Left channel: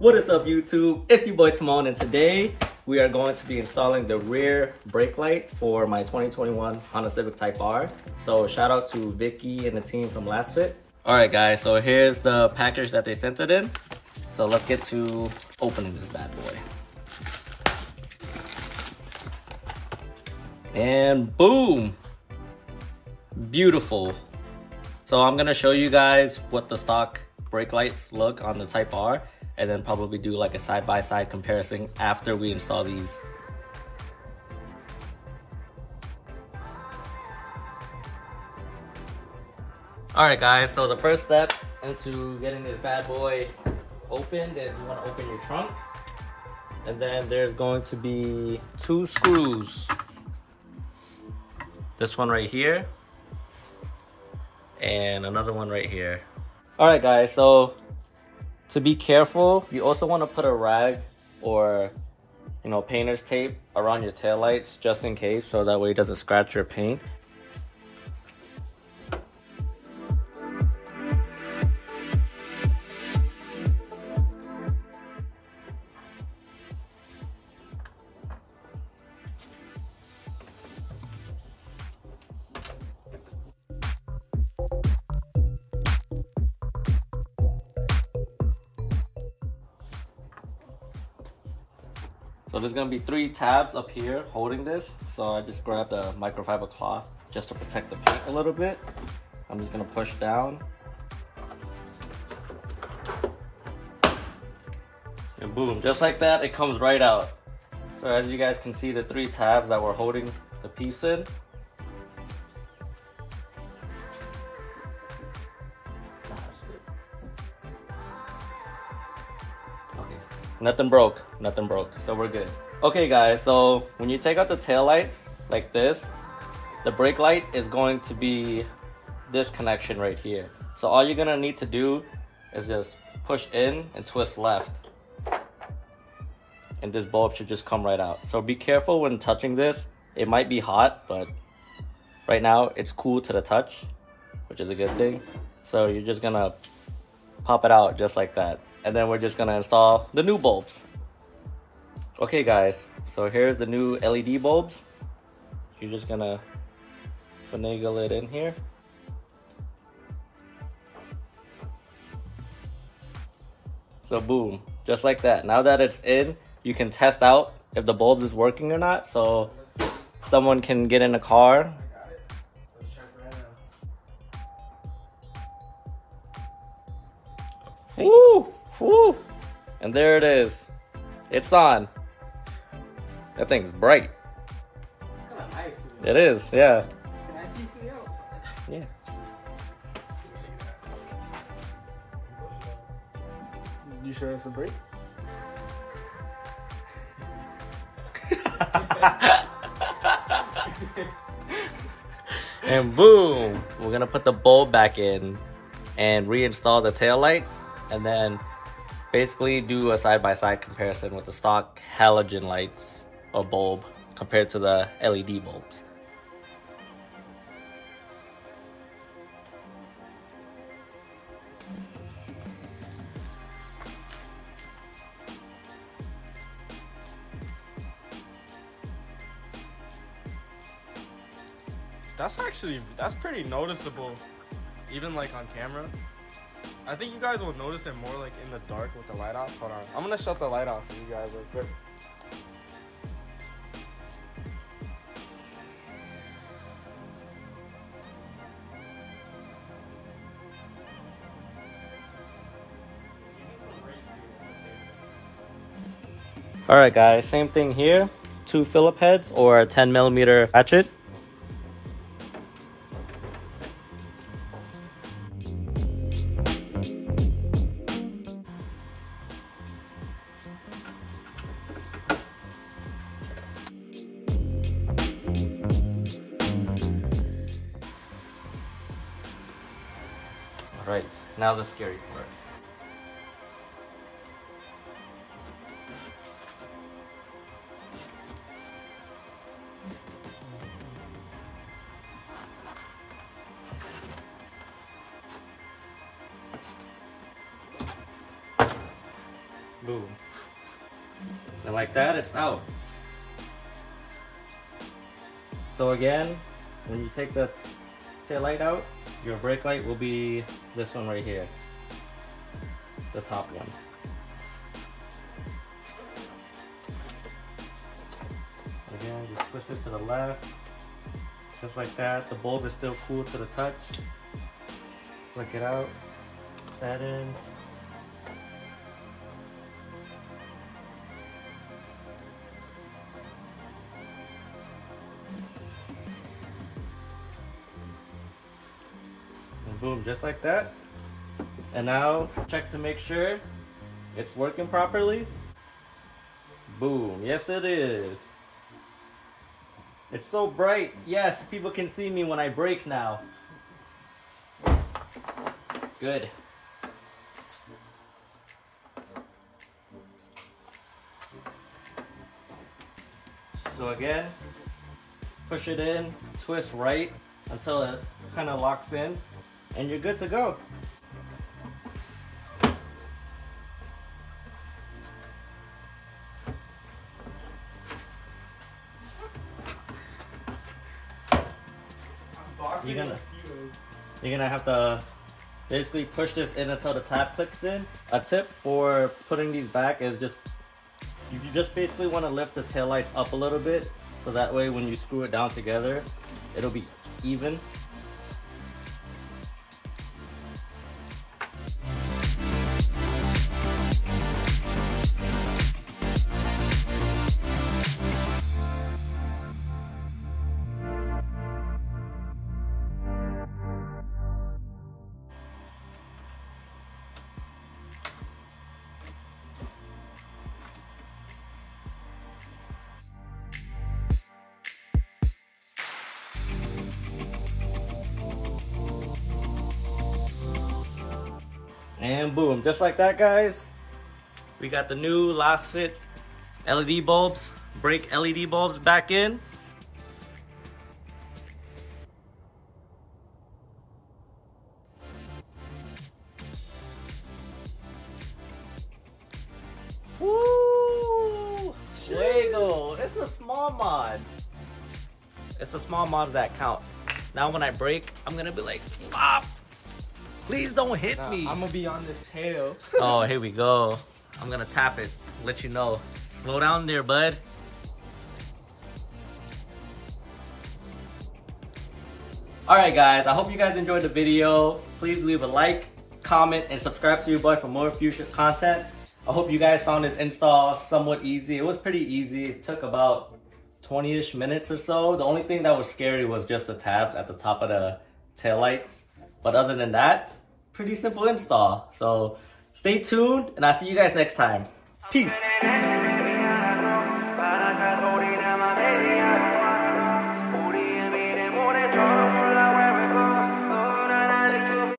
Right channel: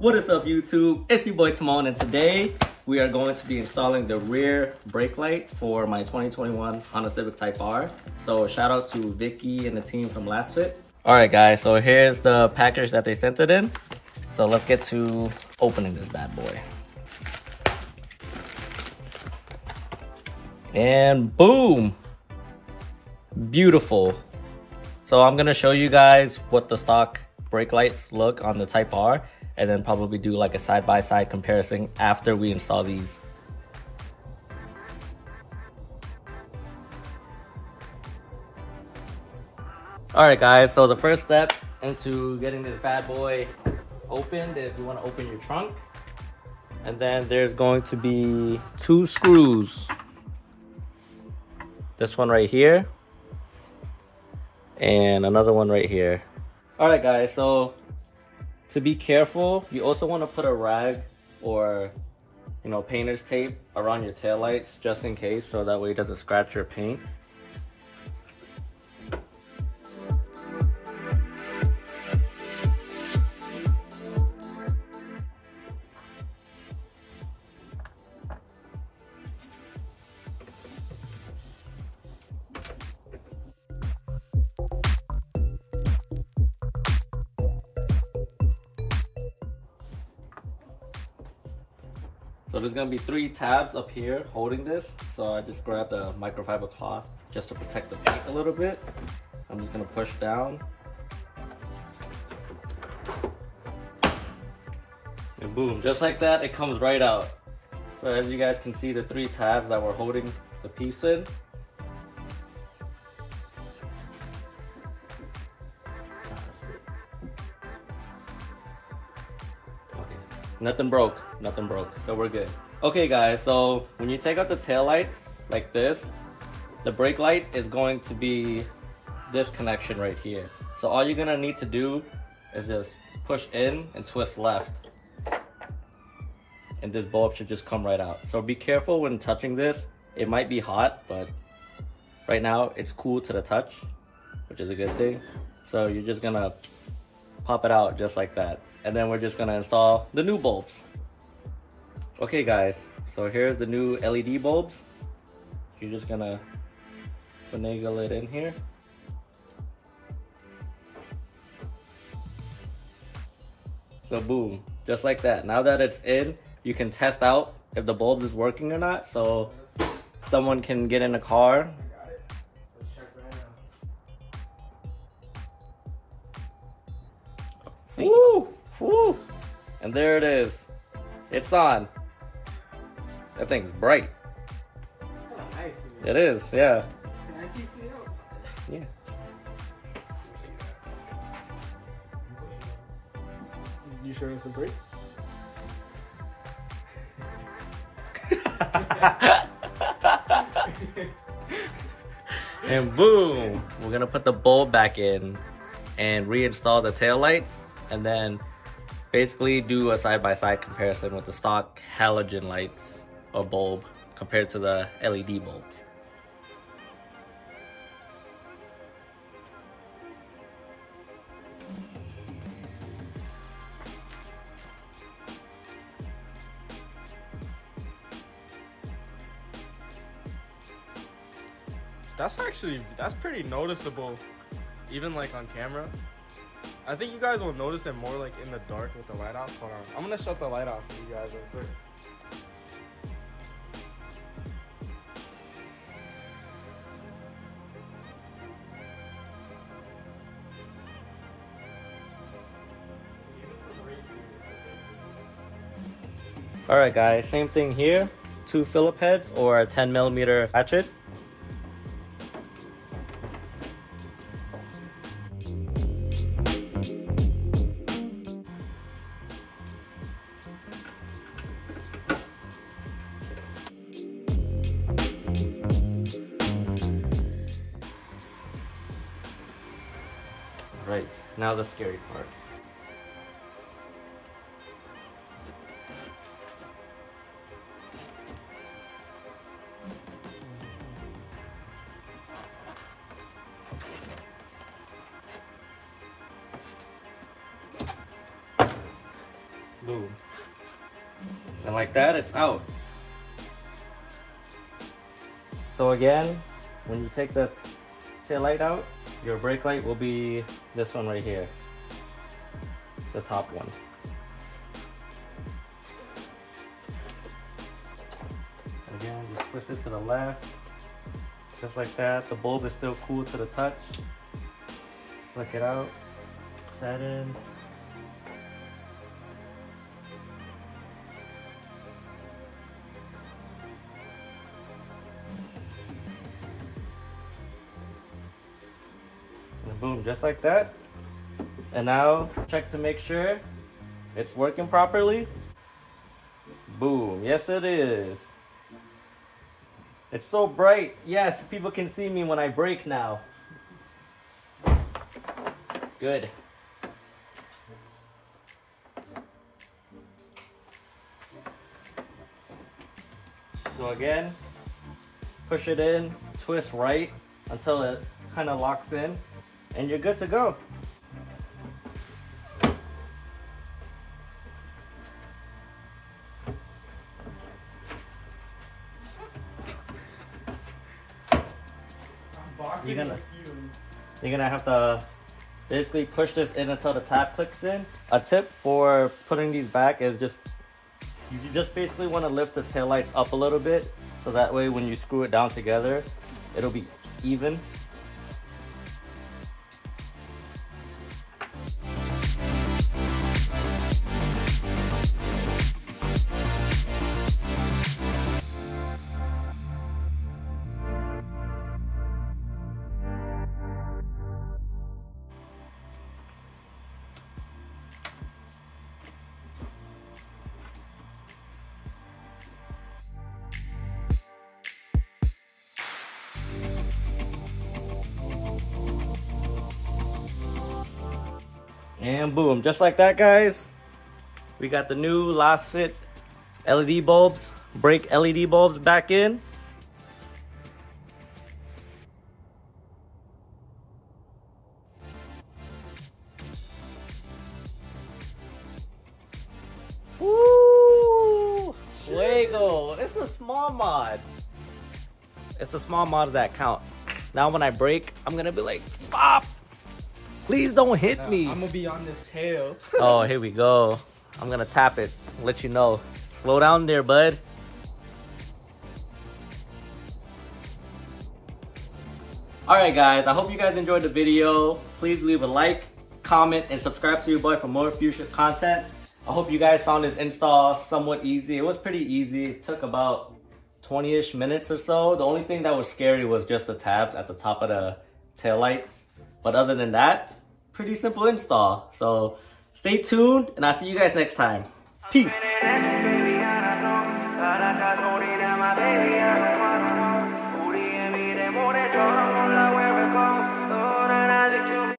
What is up, YouTube? It's your boy Timon, and today we are going to be installing the rear brake light for my 2021 Honda Civic Type R. So shout out to Vicky and the team from Lasfit. Alright guys, so here's the package that they sent it in. So let's get to opening this bad boy. And boom! Beautiful. So I'm gonna show you guys what the stock brake lights look on the Type R, and then probably do like a side-by-side comparison after we install these. Alright guys, so the first step into getting this bad boy opened is you want to open your trunk. And then there's going to be 2 screws. This one right here. And another one right here. Alright guys, so to be careful, you also want to put a rag or, painter's tape around your taillights just in case, so that way it doesn't scratch your paint. So there's gonna be 3 tabs up here holding this. So I just grabbed a microfiber cloth just to protect the paint a little bit. I'm just gonna push down. And boom, just like that, it comes right out. So as you guys can see, the 3 tabs that were holding the piece in. Nothing broke, so we're good. Okay guys, so when you take out the tail lights like this, the brake light is going to be this connection right here. So all you're gonna need to do is just push in and twist left. And this bulb should just come right out. So be careful when touching this. It might be hot, but right now it's cool to the touch, which is a good thing. So you're just gonna pop it out just like that. And then we're just gonna install the new bulbs. Okay guys, so here's the new LED bulbs. You're just gonna finagle it in here. So boom, just like that. Now that it's in, you can test out if the bulb is working or not. So someone can get in a car. Woo! Woo! And there it is. It's on. That thing's bright. It's kind of nice to me. It is, yeah. Can I see from the outside? Yeah. You show us a break? And boom! We're gonna put the bulb back in and reinstall the tail lights, and then basically do a side-by-side comparison with the stock halogen lights or bulb compared to the LED bulbs. That's pretty noticeable, even like on camera. I think you guys will notice it more like in the dark with the light off. Hold on, I'm gonna shut the light off for you guys real quick. Alright guys, same thing here. 2 Phillip heads or a 10mm ratchet. Alright, now the scary part. Boom. And like that, it's out. So again, when you take the tail light out, your brake light will be this one right here. The top one. Again, just twist it to the left. Just like that. The bulb is still cool to the touch. Flick it out. Put that in. And boom, just like that. And now check to make sure it's working properly. Boom, yes it is. It's so bright. Yes, people can see me when I brake now. Good. So again, push it in, twist right until it kind of locks in, and you're good to go. You're gonna have to basically push this in until the tab clicks in. A tip for putting these back is you just basically want to lift the taillights up a little bit, so that way when you screw it down together, it'll be even. And boom, just like that, guys, we got the new Lasfit LED bulbs, brake LED bulbs back in. Woo! Lego, it's a small mod. It's a small mod that count. Now when I brake, I'm gonna be like, stop! Please don't hit me. I'm gonna be on this tail. Oh, here we go. I'm gonna tap it, let you know. Slow down there, bud. Alright guys, I hope you guys enjoyed the video. Please leave a like, comment, and subscribe to your boy for more future content. I hope you guys found this install somewhat easy. It was pretty easy. It took about 20-ish minutes or so. The only thing that was scary was just the tabs at the top of the taillights. But other than that, pretty simple install. So stay tuned, and I'll see you guys next time. Peace. 바라가 소리 나 my baby I don't wanna know 우리의 미래 모래처럼